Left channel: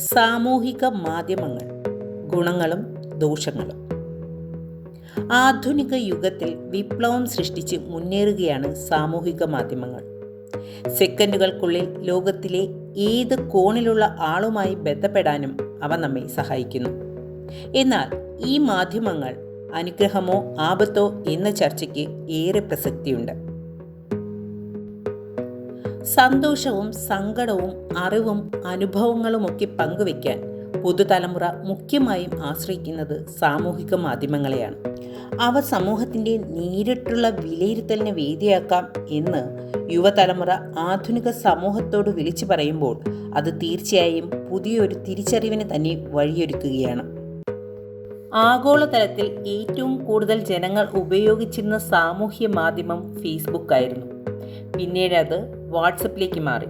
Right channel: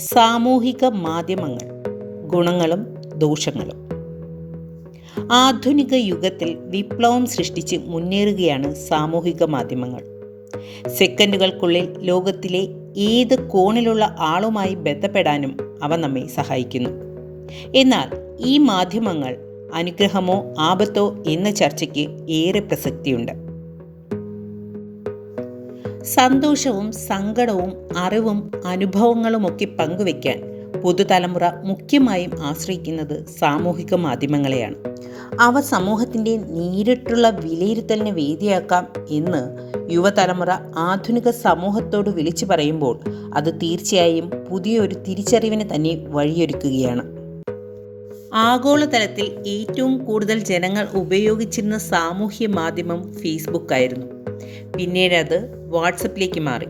സാമൂഹിക മാധ്യമങ്ങൾ ഗുണങ്ങളും ദോഷങ്ങളും. ആധുനിക യുഗത്തിൽ വിപ്ലവം സൃഷ്ടിച്ച് മുന്നേറുകയാണ് സാമൂഹിക മാധ്യമങ്ങൾ. സെക്കൻഡുകൾക്കുള്ളിൽ ലോകത്തിലെ ഏത് കോണിലുള്ള ആളുമായി ബന്ധപ്പെടാനും അവ നമ്മെ സഹായിക്കുന്നു. എന്നാൽ ഈ മാധ്യമങ്ങൾ അനുഗ്രഹമോ ആപത്തോ എന്ന ചർച്ചയ്ക്ക് ഏറെ പ്രസക്തിയുണ്ട്. സന്തോഷവും സങ്കടവും അറിവും അനുഭവങ്ങളുമൊക്കെ പങ്കുവയ്ക്കാൻ പുതുതലമുറ മുഖ്യമായും ആശ്രയിക്കുന്നത് സാമൂഹിക മാധ്യമങ്ങളെയാണ്. അവ സമൂഹത്തിന്റെ നേരിട്ടുള്ള വിലയിരുത്തലിന് വേദിയാക്കാം എന്ന് യുവതലമുറ ആധുനിക സമൂഹത്തോട് വിളിച്ചു പറയുമ്പോൾ അത് തീർച്ചയായും പുതിയൊരു തിരിച്ചറിവിന് തന്നെ വഴിയൊരുക്കുകയാണ്. ആഗോളതലത്തിൽ ഏറ്റവും കൂടുതൽ ജനങ്ങൾ ഉപയോഗിച്ചിരുന്ന സാമൂഹ്യ മാധ്യമം ഫേസ്ബുക്കായിരുന്നു. പിന്നീട് അത് വാട്സപ്പിലേക്ക് മാറി.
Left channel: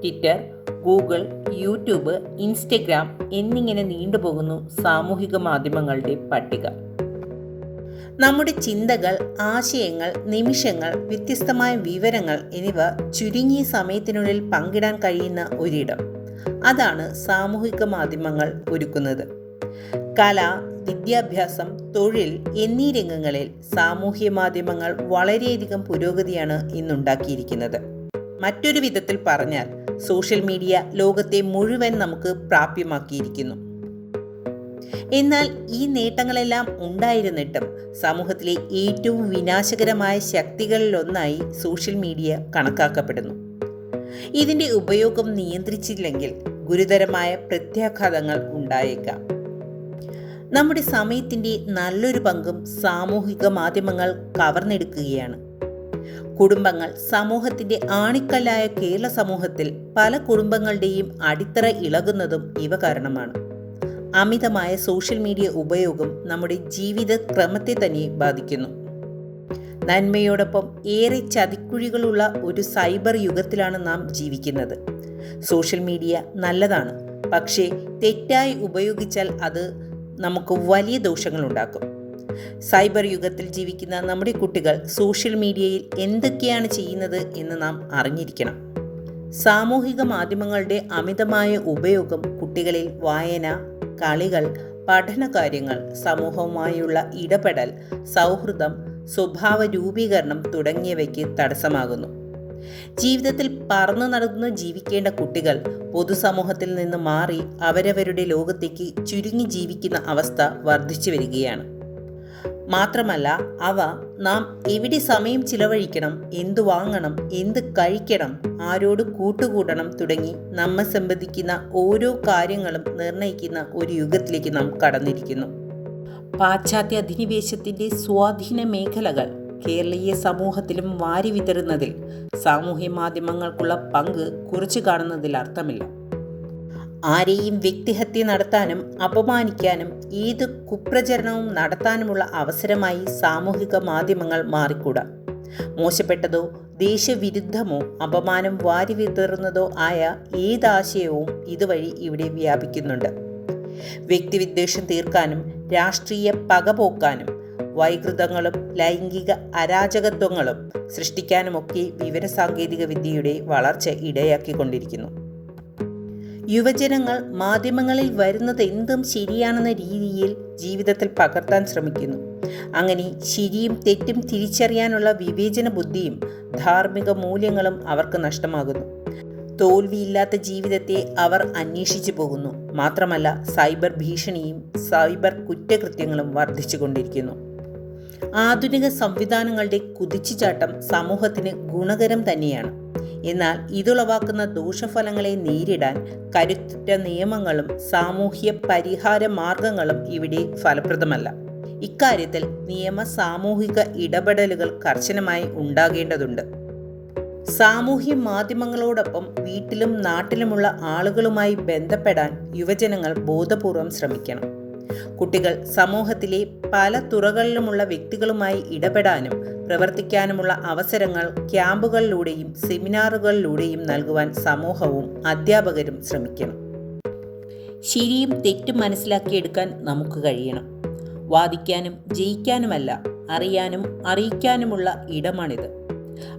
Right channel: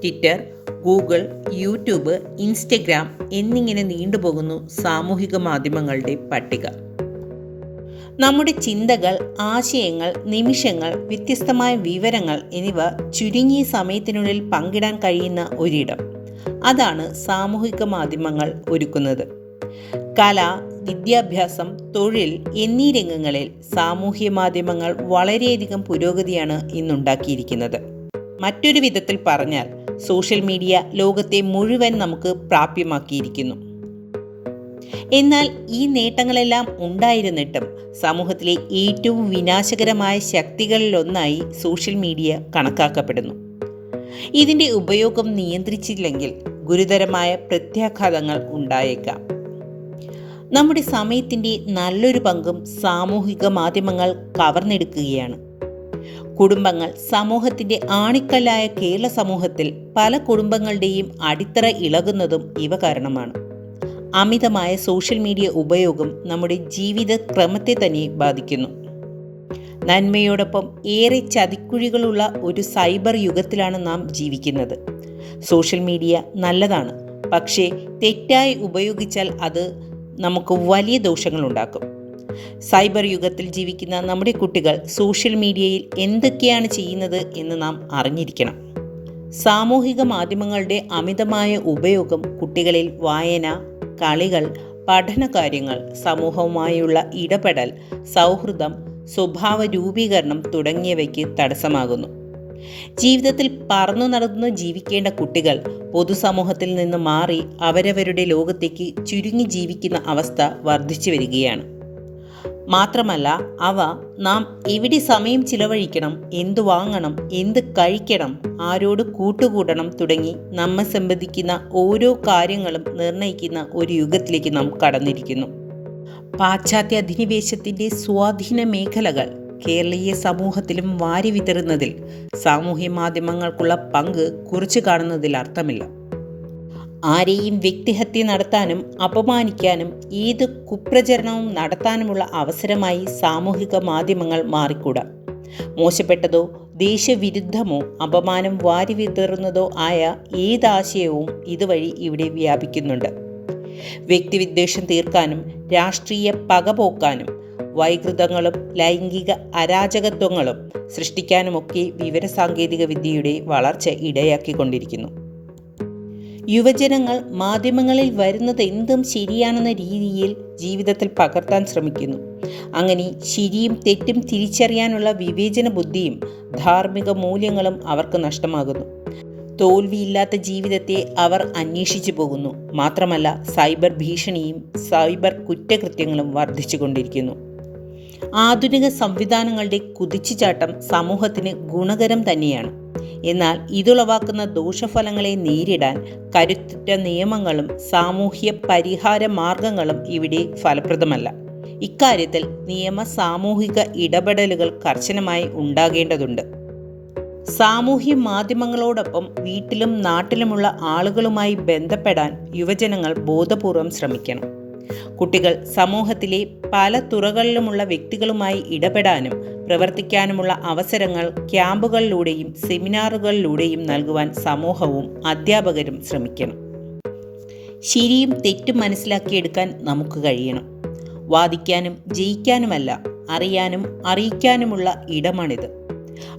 ട്വിറ്റർ ഗൂഗിൾ യൂട്യൂബ് ഇൻസ്റ്റഗ്രാം എന്നിങ്ങനെ നീണ്ടുപോകുന്നു സാമൂഹിക മാധ്യമങ്ങളുടെ പട്ടിക. നമ്മുടെ ചിന്തകൾ ആശയങ്ങൾ നിമിഷങ്ങൾ വ്യത്യസ്തമായ വിവരങ്ങൾ എന്നിവ ചുരുങ്ങിയ സമയത്തിനുള്ളിൽ പങ്കിടാൻ കഴിയുന്ന ഒരിടം. അതാണ് സാമൂഹിക മാധ്യമങ്ങൾ ഒരുക്കുന്നത്. കല വിദ്യാഭ്യാസം തൊഴിൽ എന്നീ രംഗങ്ങളിൽ സാമൂഹ്യ മാധ്യമങ്ങൾ വളരെയധികം പുരോഗതിയാണ് ഇന്നുണ്ടാക്കിയിരിക്കുന്നത്. മറ്റൊരു വിധത്തിൽ പറഞ്ഞാൽ സോഷ്യൽ മീഡിയ ലോകത്തെ മുഴുവൻ നമുക്ക് പ്രാപ്യമാക്കിയിരിക്കുന്നു. എന്നാൽ ഈ നേട്ടങ്ങളെല്ലാം ഉണ്ടായിരുന്നിട്ടും സമൂഹത്തിലെ ഏറ്റവും വിനാശകരമായ ശക്തികളിലൊന്നായി സോഷ്യൽ മീഡിയ കണക്കാക്കപ്പെടുന്നു. ഇതിന്റെ ഉപയോഗം നിയന്ത്രിച്ചില്ലെങ്കിൽ ഗുരുതരമായ പ്രത്യാഘാതങ്ങൾ ഉണ്ടായേക്കാം. നമ്മുടെ സമയത്തിന്റെ നല്ലൊരു പങ്കും സാമൂഹിക മാധ്യമങ്ങൾ കവർന്നെടുക്കുകയാണ്. കുടുംബങ്ങൾ സമൂഹത്തിന്റെ ആണിക്കല്ലായ കേരള സമൂഹത്തിൽ പല കുടുംബങ്ങളുടെയും അടിത്തറ ഇളകുന്നതും ഇവ കാരണമാണ്. അമിതമായ സോഷ്യൽ മീഡിയ ഉപയോഗം നമ്മുടെ ജീവിത ക്രമത്തെ തന്നെ ബാധിക്കുന്നു. നന്മയോടൊപ്പം ഏറെ ചതിക്കുഴികളുള്ള ഒരു സൈബർ യുഗത്തിലാണ് നാം ജീവിക്കുന്നത്. സോഷ്യൽ മീഡിയ നല്ലതാണ്. പക്ഷേ തെറ്റായി ഉപയോഗിച്ചാൽ അത് നമുക്ക് വലിയ ദോഷങ്ങളുണ്ടാക്കും സൈബർ യുഗത്തിൽ ജീവിക്കുന്ന നമ്മുടെ കുട്ടികൾ സോഷ്യൽ മീഡിയയിൽ എന്തൊക്കെയാണ് ചെയ്യുന്നത് എന്ന് നാം അറിഞ്ഞിരിക്കണം. സാമൂഹിക മാധ്യമങ്ങളുടെ അമിതമായ ഉപയോഗം കുട്ടികളിൽ വായന കളികൾ പഠനകാര്യങ്ങൾ സമൂഹവുമായുള്ള ഇടപെടൽ സൗഹൃദം സ്വഭാവ രൂപീകരണം തുടങ്ങിയവയ്ക്ക് തടസ്സമാകുന്നു. ജീവിതത്തിൽ പറന്നു നടന്ന് ജീവിക്കേണ്ട കുട്ടികൾ പൊതുസമൂഹത്തിൽ നിന്ന് മാറി അവരവരുടെ ലോകത്തേക്ക് ചുരുങ്ങി ജീവിക്കുന്ന അവസ്ഥ വർദ്ധിച്ചു വരികയാണ്. മാത്രമല്ല അവ നാം എവിടെ സമയം ചിലവഴിക്കണം എന്ത് വാങ്ങണം എന്ത് കഴിക്കണം ആരോട് കൂട്ടുകൂടണം തുടങ്ങി നമ്മെ സംബന്ധിക്കുന്ന ഓരോ കാര്യങ്ങളും നിർണയിക്കുന്ന ഒരു യുഗത്തിലേക്ക് നാം കടന്നിരിക്കുന്നു. പാശ്ചാത്യ അധിനിവേശത്തിന്റെ സ്വാധീന മേഖലകൾ കേരളീയ സമൂഹത്തിലും വാരി വിതറുന്നതിൽ സാമൂഹ്യ മാധ്യമങ്ങൾക്കുള്ള പങ്ക് കുറച്ചു കാണുന്നതിൽ അർത്ഥമില്ല. ആരെയും വ്യക്തിഹത്യ നടത്താനും അപമാനിക്കാനും ഏത് കുപ്രചരണവും നടത്താനുമുള്ള അവസരമായി സാമൂഹിക മാധ്യമങ്ങൾ മാറിക്കൂടാ. മോശപ്പെട്ടതോ ദേശവിരുദ്ധമോ അപമാനം വാരി വിതറുന്നതോ ആയ ഏതാശയവും ഇതുവഴി ഇവിടെ വ്യാപിക്കുന്നുണ്ട്. വ്യക്തിവിദ്വേഷം തീർക്കാനും രാഷ്ട്രീയ പകപോക്കാനും വൈകൃതങ്ങളും ലൈംഗിക അരാജകത്വങ്ങളും സൃഷ്ടിക്കാനുമൊക്കെ വിവരസാങ്കേതിക വിദ്യയുടെ വളർച്ച ഇടയാക്കിക്കൊണ്ടിരിക്കുന്നു. യുവജനങ്ങൾ മാധ്യമങ്ങളിൽ വരുന്നത് എന്തും ശരിയാണെന്ന രീതിയിൽ ജീവിതത്തിൽ പകർത്താൻ ശ്രമിക്കുന്നു. അങ്ങനെ ശരിയും തെറ്റും തിരിച്ചറിയാനുള്ള വിവേചന ബുദ്ധിയും ധാർമ്മിക മൂല്യങ്ങളും അവർക്ക് നഷ്ടമാകുന്നു. തോൽവിയില്ലാത്ത ജീവിതത്തെ അവർ അന്വേഷിച്ചു പോകുന്നു. മാത്രമല്ല സൈബർ ഭീഷണിയും സൈബർ കുറ്റകൃത്യങ്ങളും വർദ്ധിച്ചുകൊണ്ടിരിക്കുന്നു. ആധുനിക സംവിധാനങ്ങളുടെ കുതിച്ചുചാട്ടം സമൂഹത്തിന് ഗുണകരം തന്നെയാണ്. എന്നാൽ ഇതുളവാക്കുന്ന ദോഷഫലങ്ങളെ നേരിടാൻ കരുത്തുറ്റ നിയമങ്ങളും സാമൂഹ്യ പരിഹാര മാർഗങ്ങളും ഇവിടെ ഫലപ്രദമല്ല. ഇക്കാര്യത്തിൽ നിയമ സാമൂഹിക ഇടപെടലുകൾ കർശനമായി ഉണ്ടാകേണ്ടതുണ്ട്. സാമൂഹ്യ മാധ്യമങ്ങളോടൊപ്പം വീട്ടിലും നാട്ടിലുമുള്ള ആളുകളുമായി ബന്ധപ്പെടാൻ യുവജനങ്ങൾ ബോധപൂർവം ശ്രമിക്കണം. കുട്ടികൾ സമൂഹത്തിലെ പല തുറകളിലുമുള്ള വ്യക്തികളുമായി ഇടപെടാനും പ്രവർത്തിക്കാനുമുള്ള അവസരങ്ങൾ ക്യാമ്പുകളിലൂടെയും സെമിനാറുകളിലൂടെയും നൽകുവാൻ സമൂഹവും അധ്യാപകരും ശ്രമിക്കണം ശരിയും തെറ്റും മനസ്സിലാക്കിയെടുക്കാൻ നമുക്ക് കഴിയണം. വാദിക്കാനും ജയിക്കാനുമല്ല അറിയാനും അറിയിക്കാനുമുള്ള ഇടമാണിത്.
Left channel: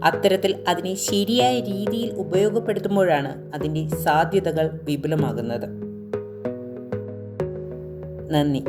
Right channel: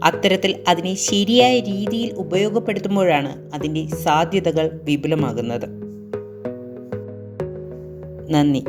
അത്തരത്തിൽ അതിനെ ശരിയായ രീതിയിൽ ഉപയോഗപ്പെടുത്തുമ്പോഴാണ് അതിന്റെ സാധ്യതകൾ വിപുലമാകുന്നത്. നന്ദി.